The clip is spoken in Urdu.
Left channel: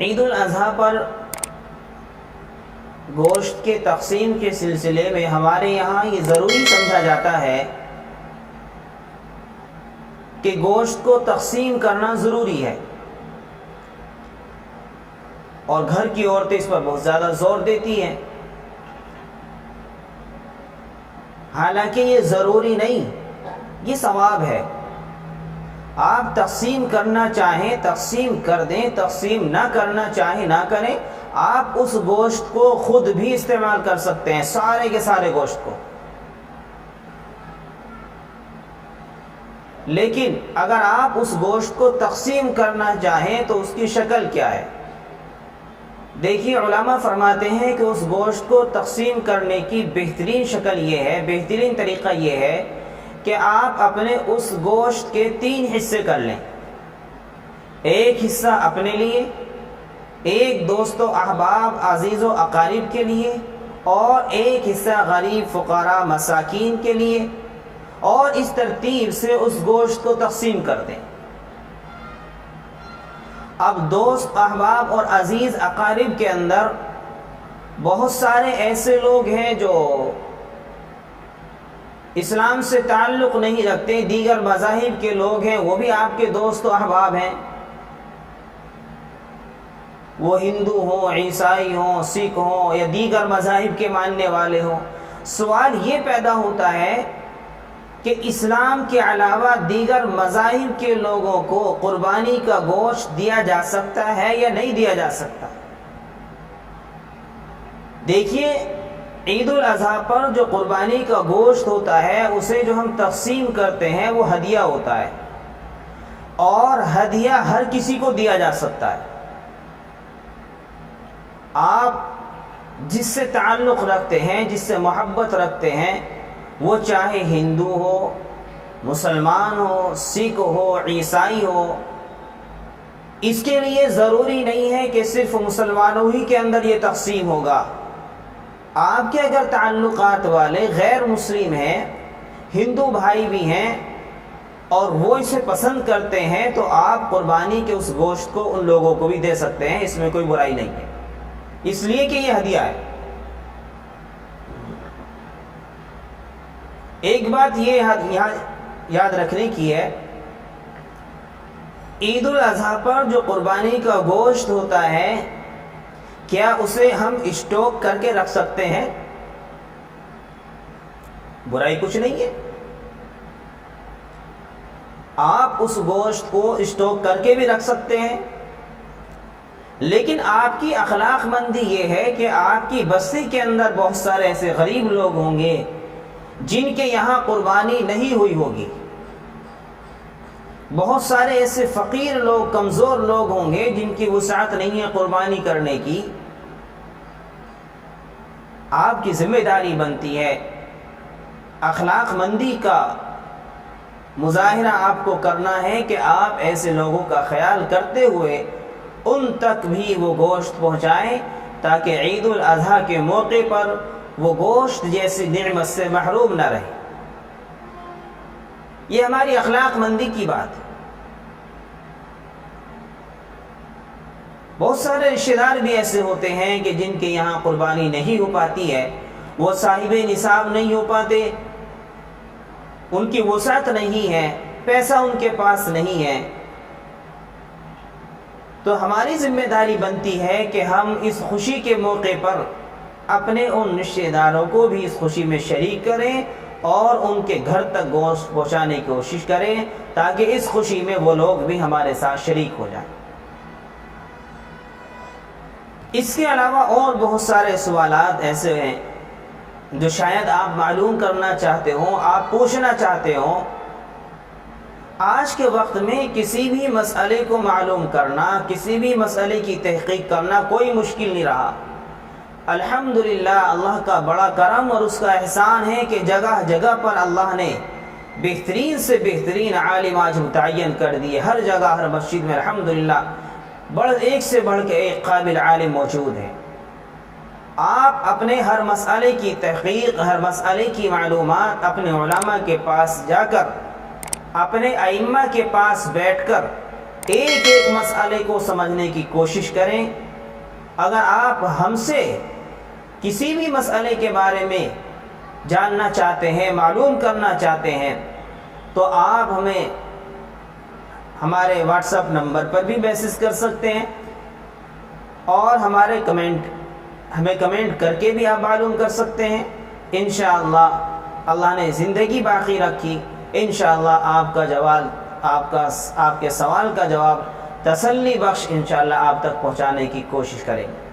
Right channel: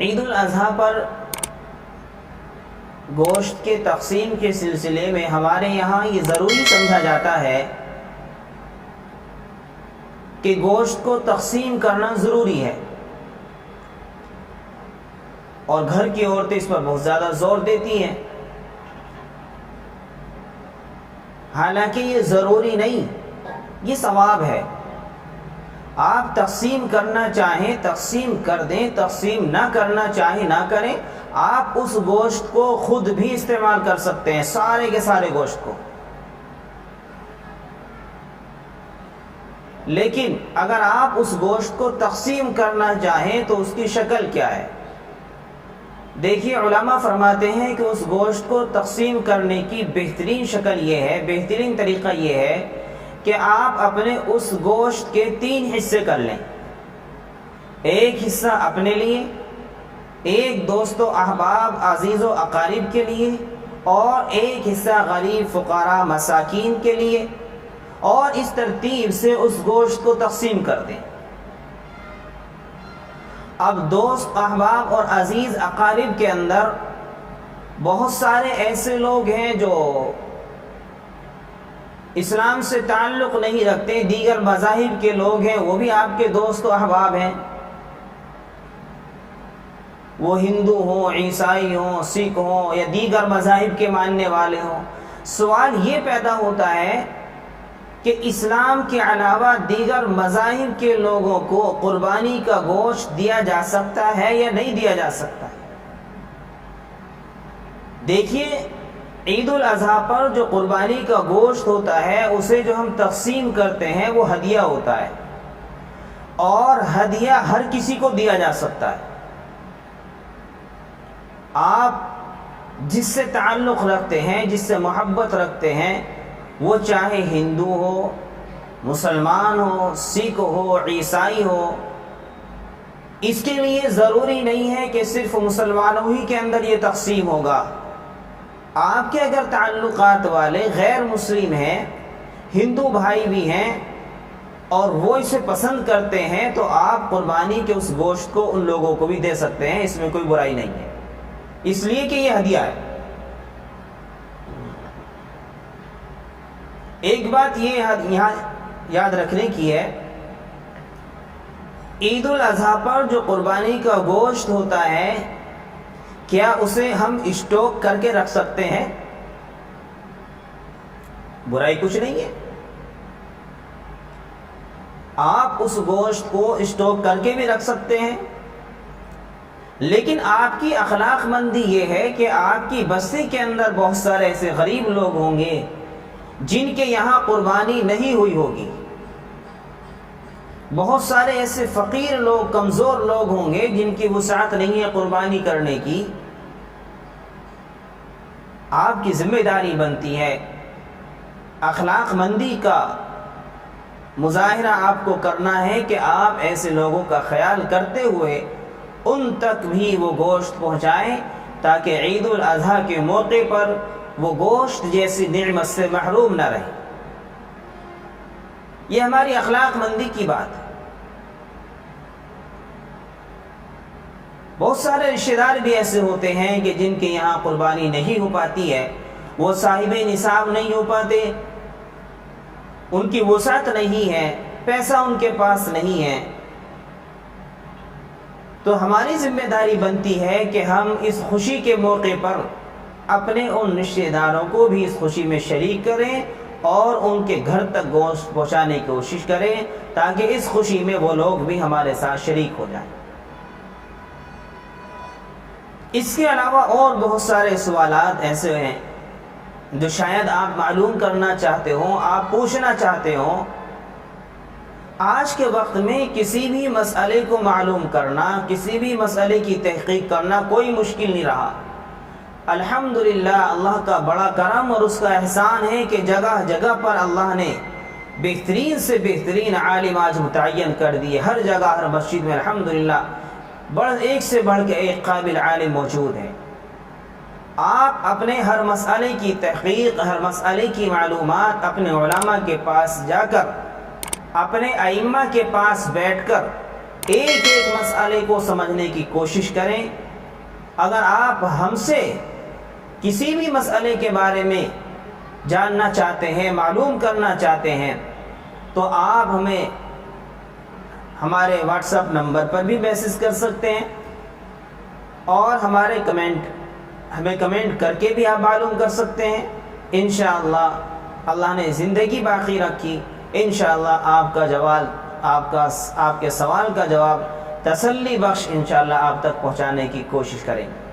عید الاضحیٰ پر گوشت کے تقسیم کے سلسلے میں ہمارے یہاں یہ ضروری سمجھا جاتا ہے کہ گوشت کو تقسیم کرنا ضروری ہے، اور گھر کی عورتیں اس پر بہت زیادہ زور دیتی ہیں۔ حالانکہ یہ ضروری نہیں، یہ ثواب ہے۔ آپ تقسیم کرنا چاہیں تقسیم کر دیں، تقسیم نہ کرنا چاہیں نہ کریں۔ آپ اس گوشت کو خود بھی استعمال کر سکتے ہیں، سارے کے سارے گوشت کو۔ لیکن اگر آپ اس گوشت کو تقسیم کرنا چاہیں تو اس کی شکل کیا ہے؟ دیکھیے، علماء فرماتے ہیں کہ اس گوشت کو تقسیم کرنے کی بہترین شکل یہ ہے، بہترین طریقہ یہ ہے کہ آپ اپنے اس گوشت کے 3 حصے کر لیں۔ ایک حصہ اپنے لیے، ایک دوست و احباب عزیز و اقارب کے لیے، اور ایک حصہ غریب فقراء مساکین کے لیے، اور اس ترتیب سے اس گوشت کو تقسیم کر دیں۔ اب دوست احباب اور عزیز اقارب کے اندر بہت سارے ایسے لوگ ہیں جو اسلام سے تعلق نہیں رکھتے، دیگر مذاہب کے لوگ ہیں، وہ بھی آپ کے دوست و احباب ہیں، وہ ہندو ہوں، عیسائی ہوں، سکھ ہوں، یا دیگر مذاہب کے ماننے والے ہوں۔ سوال یہ پیدا ہوتا ہے کہ اسلام کے علاوہ دیگر مذاہب کے لوگوں کو قربانی کا گوشت دیا جا سکتا ہے یا نہیں دیا جا سکتا؟ دیکھیے، عید الاضحیٰ پر جو قربانی کا گوشت ہوتا ہے اسے جو ہم تقسیم کرتے ہیں وہ ہدیہ ہوتا ہے، اور ہدیہ ہر کسی کو دیا جا سکتا ہے۔ آپ جس سے تعلق رکھتے ہیں، جس سے محبت رکھتے ہیں، وہ چاہے ہندو ہو، مسلمان ہو، سکھ ہو، عیسائی ہو، اس کے لیے ضروری نہیں ہے کہ صرف مسلمانوں ہی کے اندر یہ تقسیم ہوگا۔ آپ کے اگر تعلقات والے غیر مسلم ہیں، ہندو بھائی بھی ہیں، اور وہ اسے پسند کرتے ہیں، تو آپ قربانی کے اس گوشت کو ان لوگوں کو بھی دے سکتے ہیں، اس میں کوئی برائی نہیں ہے، اس لیے کہ یہ ہدیہ ہے۔ ایک بات یہ یہاں یاد رکھنے کی ہے، عید الاضحیٰ پر جو قربانی کا گوشت ہوتا ہے، کیا اسے ہم اسٹوک کر کے رکھ سکتے ہیں؟ برائی کچھ نہیں ہے، آپ اس گوشت کو اسٹوک کر کے بھی رکھ سکتے ہیں، لیکن آپ کی اخلاق مندی یہ ہے کہ آپ کی بستی کے اندر بہت سارے ایسے غریب لوگ ہوں گے جن کے یہاں قربانی نہیں ہوئی ہوگی، بہت سارے ایسے فقیر لوگ، کمزور لوگ ہوں گے جن کی وسعت نہیں ہے قربانی کرنے کی۔ آپ کی ذمہ داری بنتی ہے، اخلاق مندی کا مظاہرہ آپ کو کرنا ہے کہ آپ ایسے لوگوں کا خیال کرتے ہوئے ان تک بھی وہ گوشت پہنچائیں، تاکہ عید الاضحیٰ کے موقع پر وہ گوشت جیسی نعمت سے محروم نہ رہے۔ یہ ہماری اخلاق مندی کی بات ہے۔ بہت سارے رشتہ دار بھی ایسے ہوتے ہیں کہ جن کے یہاں قربانی نہیں ہو پاتی ہے، وہ صاحب نصاب نہیں ہو پاتے، ان کی وسعت نہیں ہے، پیسہ ان کے پاس نہیں ہے، تو ہماری ذمہ داری بنتی ہے کہ ہم اس خوشی کے موقع پر اپنے ان رشتہ داروں کو بھی اس خوشی میں شریک کریں، اور ان کے گھر تک گوشت پہنچانے کی کوشش کریں، تاکہ اس خوشی میں وہ لوگ بھی ہمارے ساتھ شریک ہو جائیں۔ اس کے علاوہ اور بہت سارے سوالات ایسے ہیں جو شاید آپ معلوم کرنا چاہتے ہوں، آپ پوچھنا چاہتے ہوں۔ آج کے وقت میں کسی بھی مسئلے کو معلوم کرنا، کسی بھی مسئلے کی تحقیق کرنا کوئی مشکل نہیں رہا۔ الحمدللہ، اللہ کا بڑا کرم اور اس کا احسان ہے کہ جگہ جگہ پر اللہ نے بہترین سے بہترین عالم آج متعین کر دیے۔ ہر جگہ، ہر مسجد میں الحمدللہ ایک سے بڑھ کے ایک قابل عالم موجود ہے۔ آپ اپنے ہر مسئلے کی تحقیق، ہر مسئلے کی معلومات اپنے علماء کے پاس جا کر، اپنے ائمہ کے پاس بیٹھ کر ایک ایک مسئلے کو سمجھنے کی کوشش کریں۔ اگر آپ ہم سے کسی بھی مسئلے کے بارے میں جاننا چاہتے ہیں، معلوم کرنا چاہتے ہیں، تو آپ ہمیں ہمارے واٹس ایپ نمبر پر بھی میسج کر سکتے ہیں، اور ہمیں کمنٹ کر کے بھی آپ معلوم کر سکتے ہیں۔ انشاءاللہ اللہ نے زندگی باقی رکھی، انشاءاللہ آپ کے سوال کا جواب تسلی بخش انشاءاللہ آپ تک پہنچانے کی کوشش کریں گے۔